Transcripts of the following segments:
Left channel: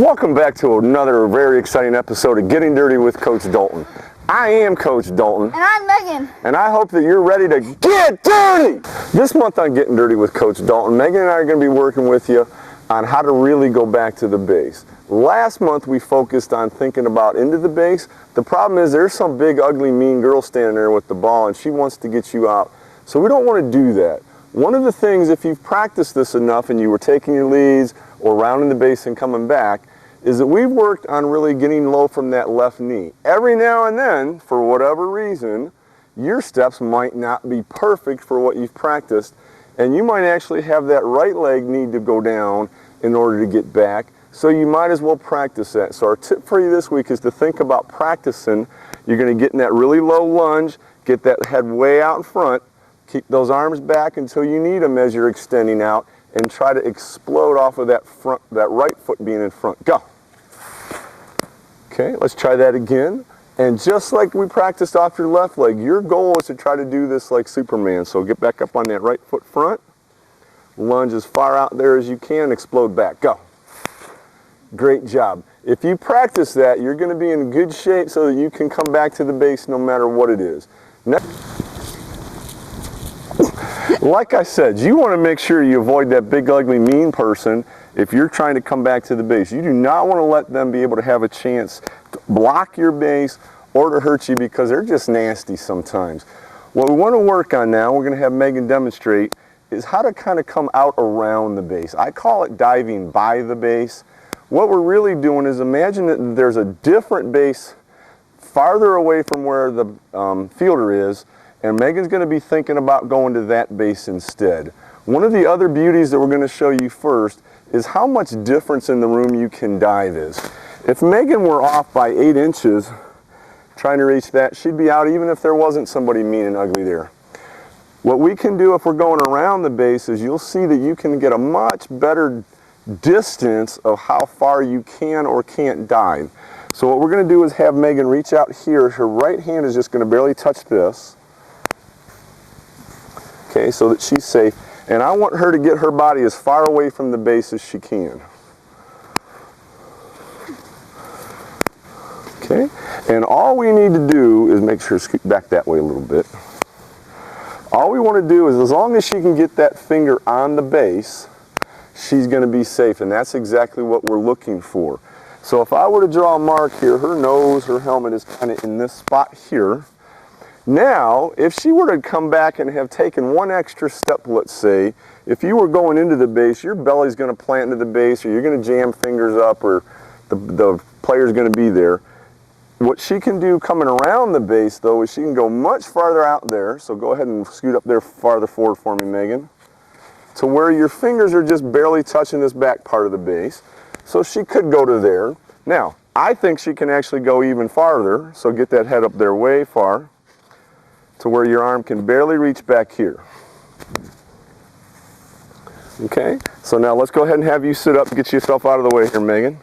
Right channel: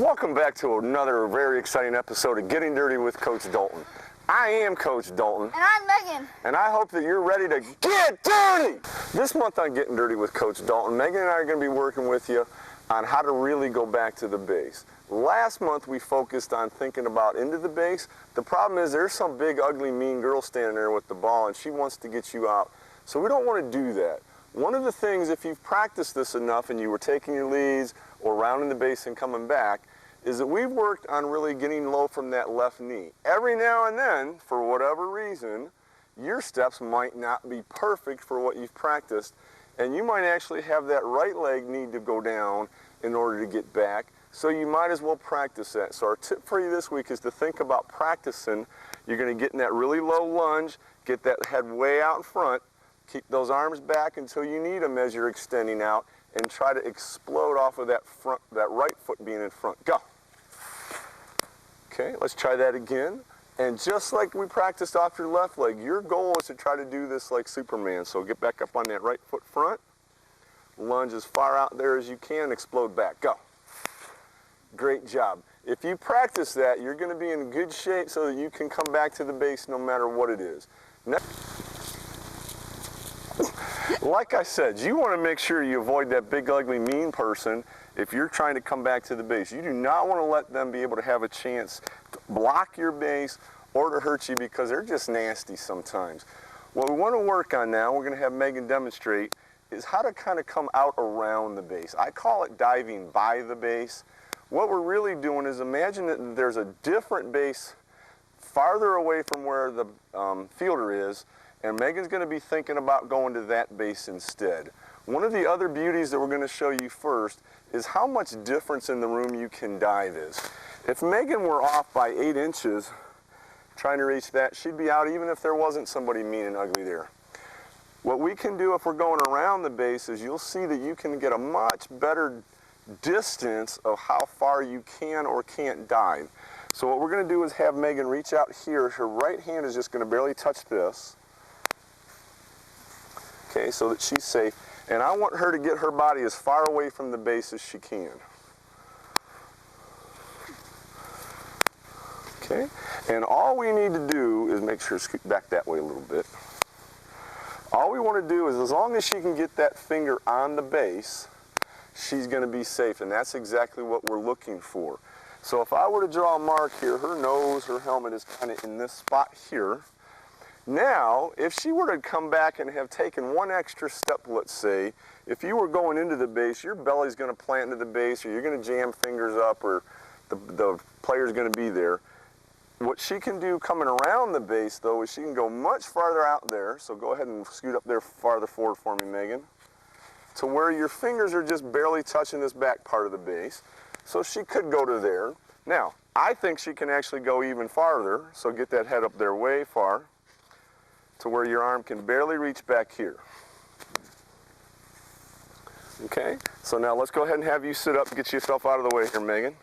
Welcome back to another very exciting episode of Getting Dirty with Coach Dalton. I am Coach Dalton. And I'm Megan. And I hope that you're ready to get dirty! This month on Getting Dirty with Coach Dalton, Megan and I are going to be working with you on how to really go back to the base. Last month we focused on thinking about into the base. The problem is there's some big, ugly, mean girl standing there with the ball and she wants to get you out. So we don't want to do that. One of the things, if you've practiced this enough and you were taking your leads or rounding the base and coming back, is that we've worked on really getting low from that left knee. Every now and then, for whatever reason, your steps might not be perfect for what you've practiced, and you might actually have that right leg need to go down in order to get back, so you might as well practice that. So our tip for you this week is to think about practicing. You're going to get in that really low lunge, get that head way out in front, keep those arms back until you need them as you're extending out, and try to explode off of that right foot being in front. Go. Okay, let's try that again. And just like we practiced off your left leg, your goal is to try to do this like Superman. So get back up on that right foot front. Lunge as far out there as you can. Explode back. Go. Great job. If you practice that, you're going to be in good shape so that you can come back to the base no matter what it is. Next. Like I said, you want to make sure you avoid that big, ugly, mean person if you're trying to come back to the base. You do not want to let them be able to have a chance to block your base or to hurt you because they're just nasty sometimes. What we want to work on now, we're going to have Megan demonstrate, is how to kind of come out around the base. I call it diving by the base. What we're really doing is imagine that there's a different base farther away from where the fielder is, and Megan's going to be thinking about going to that base instead. One of the other beauties that we're going to show you first is how much difference in the room you can dive is. If Megan were off by 8 inches trying to reach that, she'd be out even if there wasn't somebody mean and ugly there. What we can do if we're going around the base is you'll see that you can get a much better distance of how far you can or can't dive. So what we're going to do is have Megan reach out here. Her right hand is just going to barely touch this. Okay, so that she's safe. And I want her to get her body as far away from the base as she can. Okay, and all we need to do is make sure scoot back that way a little bit. All we want to do is, as long as she can get that finger on the base, she's going to be safe, and that's exactly what we're looking for. So if I were to draw a mark here, her nose, her helmet is kind of in this spot here. Now, if she were to come back and have taken one extra step, let's say, if you were going into the base, your belly's going to plant into the base, or you're going to jam fingers up, or the player's going to be there. What she can do coming around the base, though, is she can go much farther out there. So go ahead and scoot up there farther forward for me, Megan, to where your fingers are just barely touching this back part of the base. So she could go to there. Now, I think she can actually go even farther, so get that head up there way far, to where your arm can barely reach back here. Okay, so now let's go ahead and have you sit up and get yourself out of the way here, Megan.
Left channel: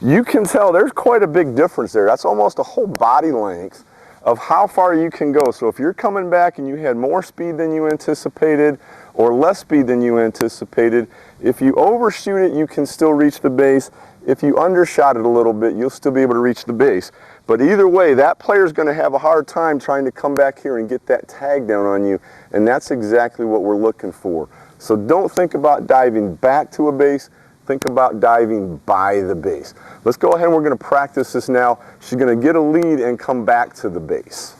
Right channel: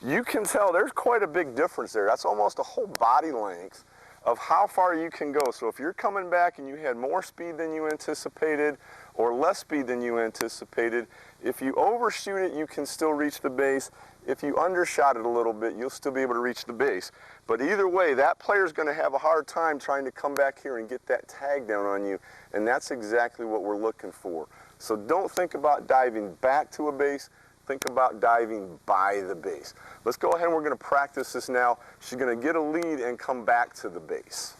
You can tell there's quite a big difference there. That's almost a whole body length of how far you can go. So if you're coming back and you had more speed than you anticipated or less speed than you anticipated, if you overshoot it, you can still reach the base. If you undershot it a little bit, you'll still be able to reach the base. But either way, that player's going to have a hard time trying to come back here and get that tag down on you, and that's exactly what we're looking for. So don't think about diving back to a base, think about diving by the base. Let's go ahead and we're going to practice this now. She's going to get a lead and come back to the base.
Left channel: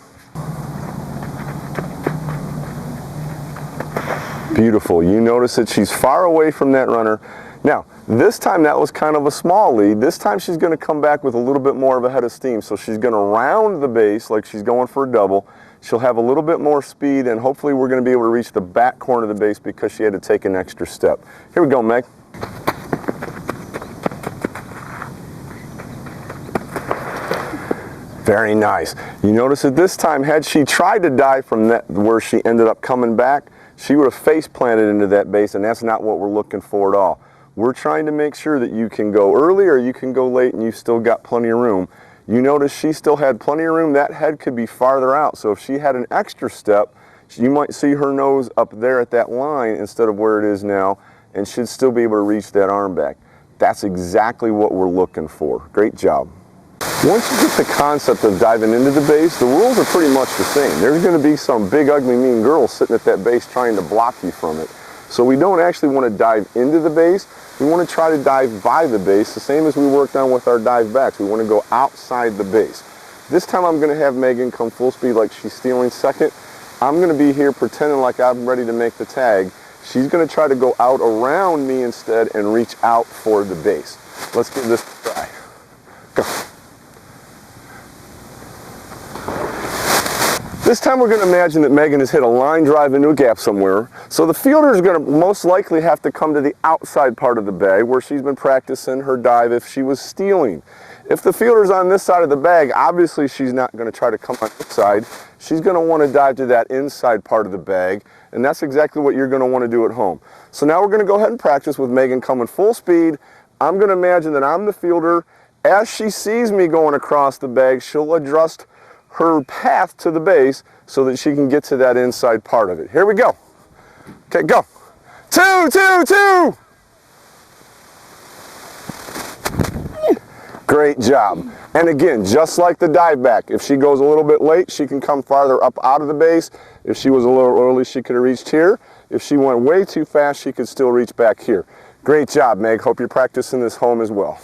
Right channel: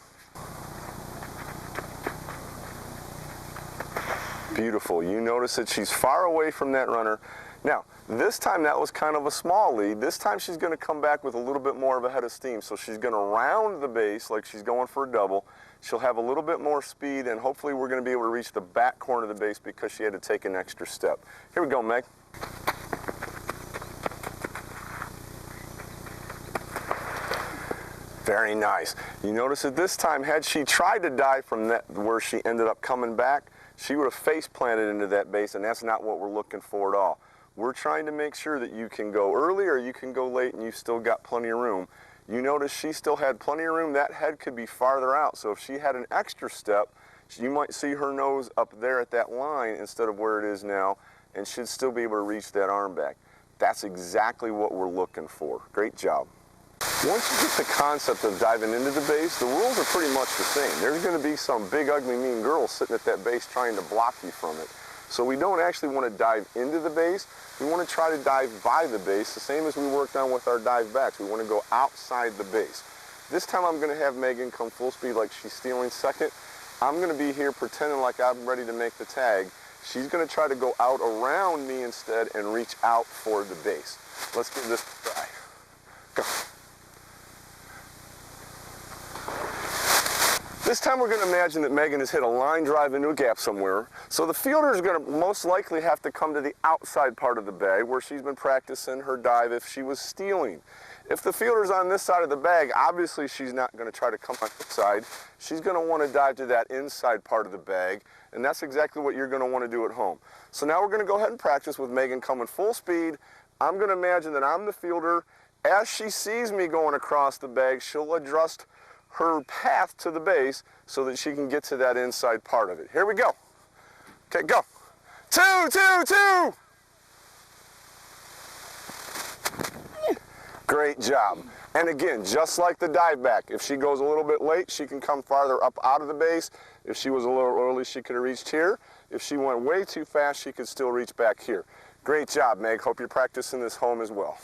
Beautiful. You notice that she's far away from that runner. Now, this time that was kind of a small lead. This time she's going to come back with a little bit more of a head of steam. So she's going to round the base like she's going for a double. She'll have a little bit more speed, and hopefully we're going to be able to reach the back corner of the base because she had to take an extra step. Here we go, Meg. Very nice. You notice that this time, had she tried to dive from that where she ended up coming back, she would have face planted into that base, and that's not what we're looking for at all. We're trying to make sure that you can go early or you can go late and you've still got plenty of room. You notice she still had plenty of room. That head could be farther out. So if she had an extra step, you might see her nose up there at that line instead of where it is now, and should still be able to reach that arm back. That's exactly what we're looking for. Great job. Once you get the concept of diving into the base, the rules are pretty much the same. There's going to be some big, ugly, mean girl sitting at that base trying to block you from it. So we don't actually want to dive into the base. We want to try to dive by the base, the same as we worked on with our dive backs. We want to go outside the base. This time I'm going to have Megan come full speed like she's stealing second. I'm going to be here pretending like I'm ready to make the tag. She's going to try to go out around me instead and reach out for the base. Let's give this a try. Go. This time we're going to imagine that Megan has hit a line drive into a gap somewhere. So the fielder is going to most likely have to come to the outside part of the bag where she's been practicing her dive if she was stealing. If the fielder's on this side of the bag, obviously she's not going to try to come on this side. She's going to want to dive to that inside part of the bag, and that's exactly what you're going to want to do at home. So now we're going to go ahead and practice with Megan coming full speed. I'm going to imagine that I'm the fielder. As she sees me going across the bag, she'll adjust her path to the base so that she can get to that inside part of it. Here we go. Okay, go. 2, 2, 2. Great job. And again, just like the dive back, if she goes a little bit late, she can come farther up out of the base. If she was a little early, she could have reached here. If she went way too fast, she could still reach back here. Great job, Meg. Hope you're practicing this home as well.